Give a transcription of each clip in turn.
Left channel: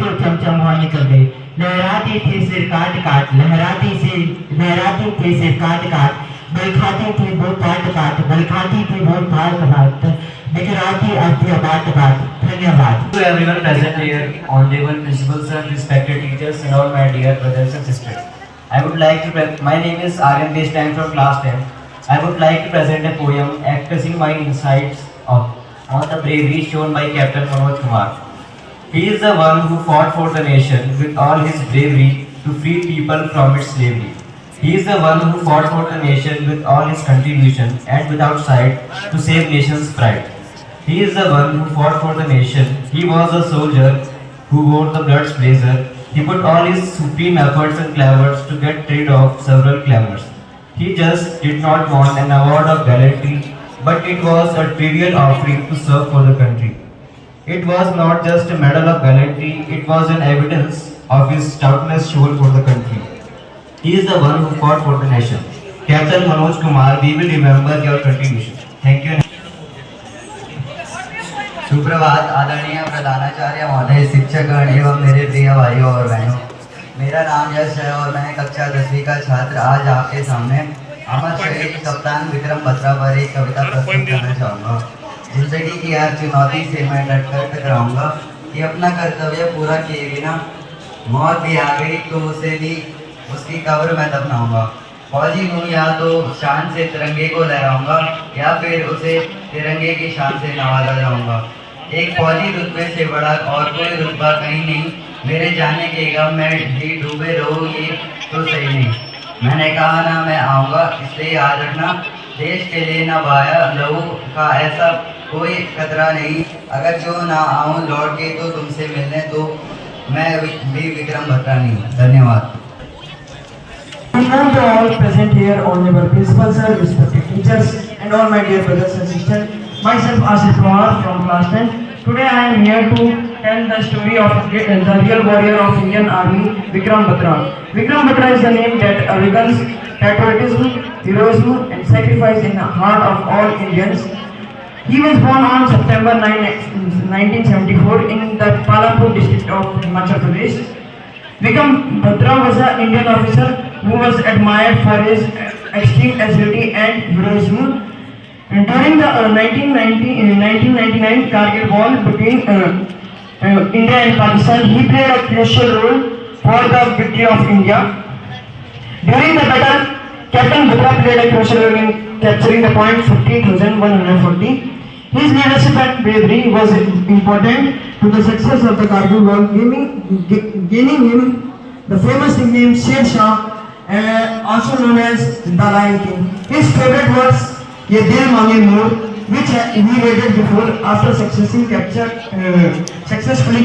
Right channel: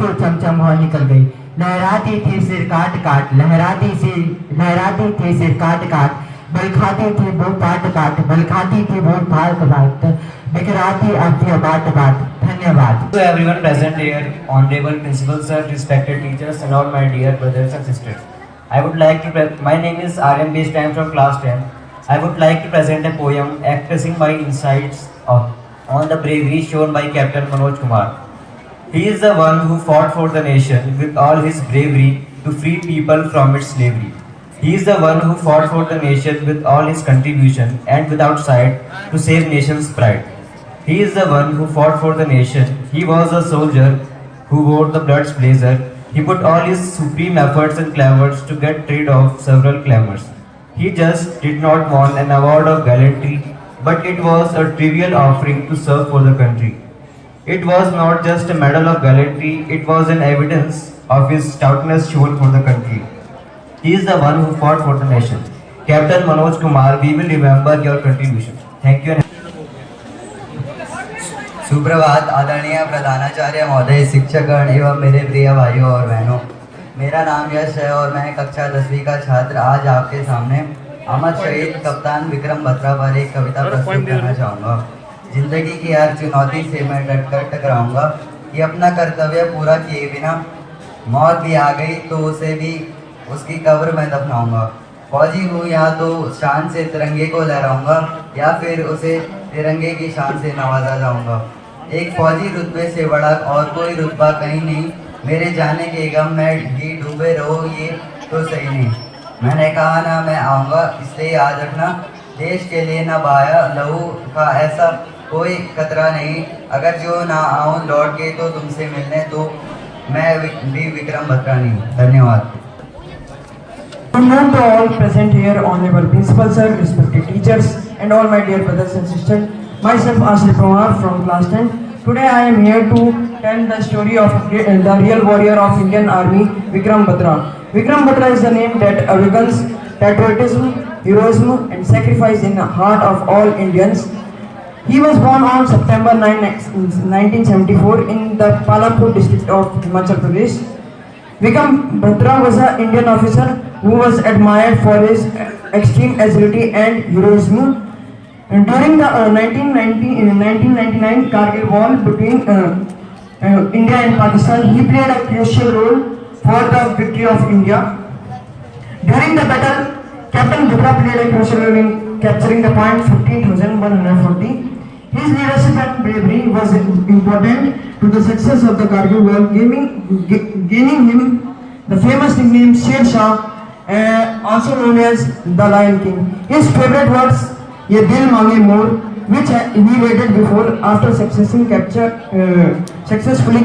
तो चमचम हुआ निकल गई। लहराते थे सिर काट काट, लहराते थे सिर काट काट, बल खाते थे वो काट काट, बल खाते थे वो भात भात, बिखराते अब थे बात बात। धन्यवाद। To everyone present here, honorable principal sir, respected teachers, and all my dear brothers and sisters. I would like to. My name is Aryan Desh. I am from class 10. I would like to present a poem expressing my insights on the bravery shown by Captain Manoj Kumar. He is the one who fought for the nation with all his bravery to free people from its slavery. He is the one who fought for the nation with all his contribution and without sight to save nation's pride. He is the one who fought for the nation. He was a soldier who wore the blood's blazer. He put all his supreme efforts and clavors to get rid of several clamors. He just did not want an award of gallantry, but it was a trivial offering to serve for the country. It was not just a medal of gallantry, it was an evidence of his stoutness shown for the country. He is the one who fought for the nation. Captain Manoj Kumar, we will remember your contribution. Thank you. सुप्रभात आदरणीय प्रधानाचार्य महोदय, शिक्षकगण एवं मेरे प्रिय भाइयों और बहनों। मेरा नाम यश है और मैं कक्षा 10वीं का छात्र आज आपके सामने अमर शहीद कप्तान विक्रम बत्रा पर एक कविता प्रस्तुत करना चाहूँगा। जिंदगी की हर चुनौती से मैं डटकर टकराऊंगा कि अपना कर्तव्य पूरा किए बिना मौत भी आ गई तो उसे भी उसकी कब्र में दफनाऊंगा। फौजी हूँ या तो शान से तिरंगे को लहराऊंगा या फिर उसे तिरंगे की शान से नवाजा जाऊंगा। एक फौजी रुतबे से बड़ा और कोई रुतबा कहीं नहीं, मेरे जाने के गम में भी डूबे रहो ये तो सही नहीं। मैंने कहा ना मैं आऊँगा, इसलिए याद रखना देश के लिए ना बहाया लहू का ऐसा कोई खतरा नहीं। अगर जो ना आऊँ लौट के तो तुमसे मिलने तो मैं भी विक्रम बत्रा नहीं। धन्यवाद। Good morning to all present here, honorable principal sir, respected teachers, and all my dear brothers and sisters. Myself Ashit Pramar from class 10. Today I am here to tell the story of the real warrior of Indian Army, Vikram Batra. Vikram Batra is the name that awakens patriotism, heroism, and sacrifice in the heart of all Indians. He was born on September 9, 1974 in the Palampur district of Himachal Pradesh. Vikram Batra was an Indian officer who was admired for his extreme agility and heroism. And during the 1999 Kargil war between India and Pakistan, he played a crucial role for the victory of India. During the battle, Captain Batra played a crucial role in capturing the point 50,140. His leadership and bravery was important to the success of the Kargil war, gaining him the famous nickname Sher Shah, also known as the Lion King. His favorite words, "Ye dil mange more," which he rated before after successfully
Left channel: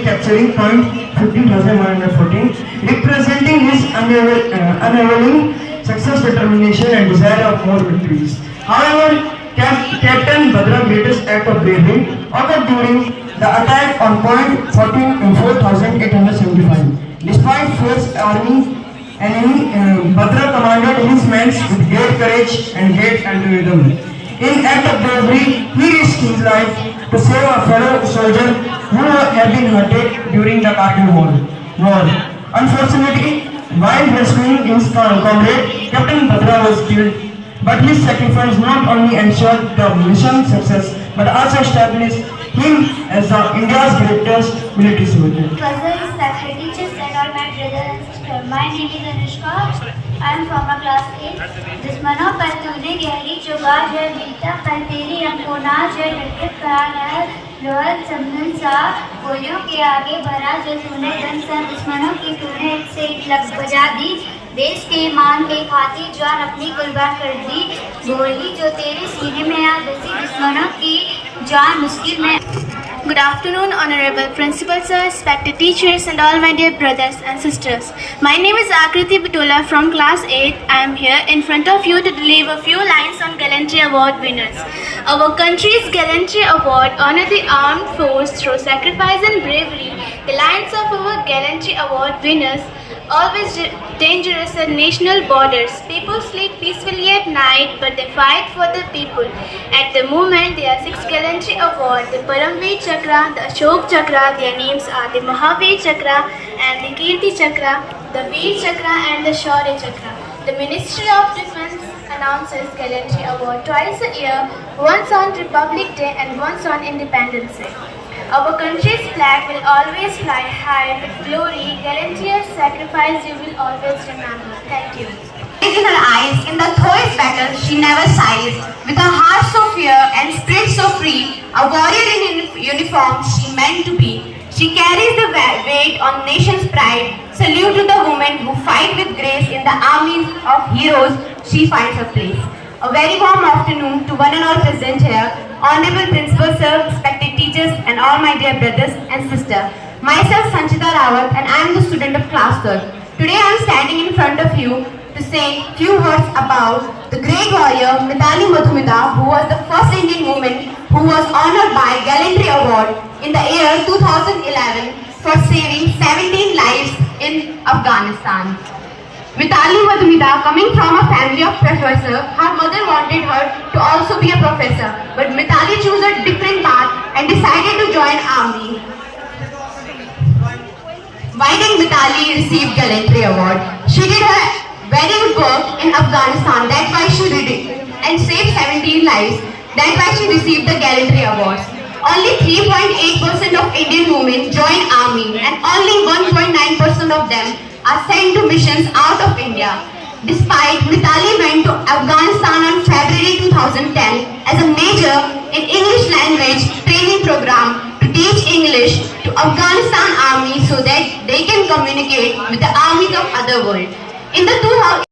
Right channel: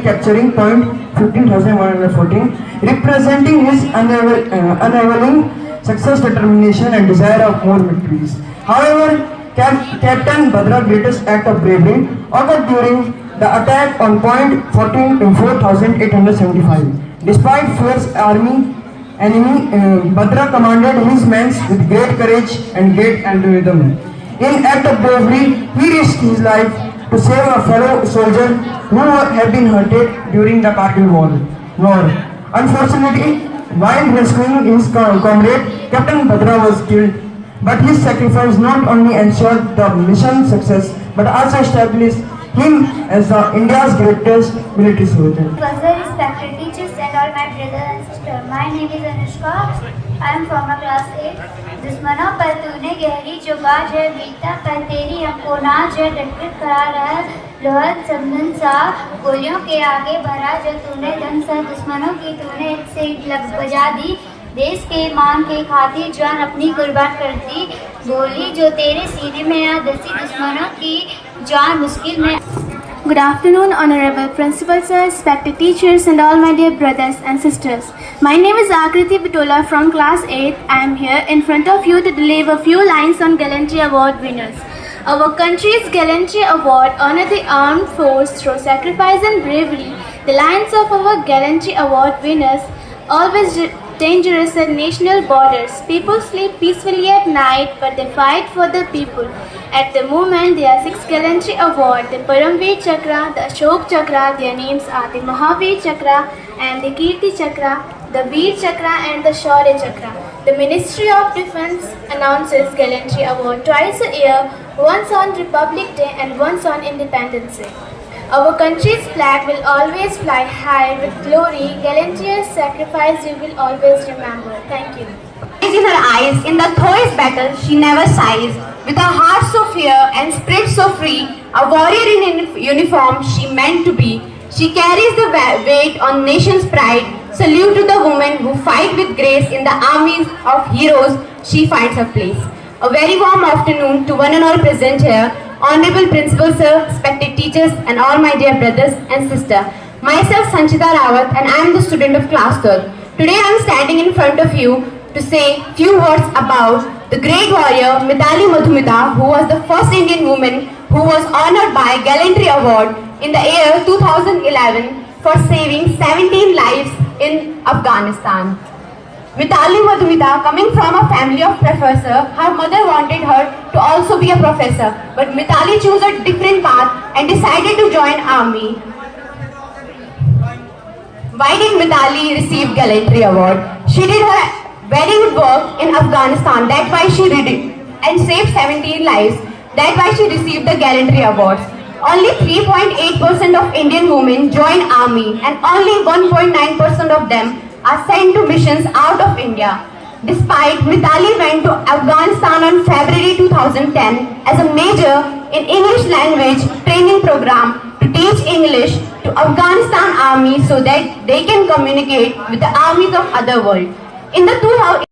capturing point 15,114, representing his unwavering success, determination, and desire of more victories. However, Captain Batra's greatest act of bravery occurred during the attack on point 4,875. Despite fierce enemy, Batra commanded his men with great courage and great enthusiasm. In act of bravery, he risked his life to save a fellow soldier who had been hurted during the Kargil war. Unfortunately, while rescuing his comrade, Captain Batra was killed. But his sacrifice not only ensured the mission's success, but also established him as India's greatest military soldier. Respected teachers and all my brothers and sisters, my name is Anushka. I am from class 8. दुश्मनों पर तूने गहरी चुगाज है, बीता पर तेरी अंकुनाज है, डटके खड़ा रहा लोहर संदन सा, गोलियों के आगे भरा जो तूने धन सा, दुश्मनों की तूने एक सीट लग बजा दी, देश के ईमान की खातिर जान अपनी कुर्बान कर दी, गोली जो तेरे सीने में आ दसी, दुश्मनों की जान मुश्किल में। Good afternoon, Honorable Principal Sir, respected teachers, and all my dear brothers and sisters. My name is Akriti Bitola from Class 8. I am here in front of you to deliver a few lines on Gallantry Award winners. Our country's Gallantry Award honor the armed force through sacrifice and bravery. The lines of our Gallantry Award winners always dangerous and national borders. People sleep peacefully at night, but they fight for the people. At the moment, there are 6 gallantry awards: the Paramveer Chakra, the Ashok Chakra. Their names are the Mahavir Chakra and the Kirti Chakra, the Veer Chakra and the Shaurya Chakra. The Ministry of Defence announces gallantry award twice a year, once on Republic Day and once on Independence Day. Our country's flag will always fly high with glory. Gallantry's sacrifice you will always remember. Thank you. In her eyes, in the Thor's battle, she never sighs. With her heart so fair and spirit so free, a warrior in uniform she meant to be. She carries the weight on nation's pride. Salute to the women who fight with grace in the armies of heroes. She finds her place. A very warm afternoon to one and all present here. Honorable Principal Sir, respected teachers and all my dear brothers and sisters. Myself Sanchita Rawat and I am the student of class 3rd. Today I am standing in front of you to say few words about the great warrior Mithali Madhumita, who was the first Indian woman who was honored by Gallantry Award in the year 2011 for saving 17 lives in Afghanistan. Mithali Madhumita, coming from a family of professor, her mother wanted her to also be a professor, but Mithali chose a different path and decided to join army. Why did Mithali receive Gallantry Award? She did her very good work in Afghanistan, that's why she did it, and saved 17 lives, that's why she received the Gallantry Awards. Only 3.8% of Indian women join army and only 1.9% of them are sent to missions out of India. Despite Mithali went to Afghanistan on February 2010 as a major in English language training program to teach English to Afghanistan army so that they can communicate with the armies of other world. In the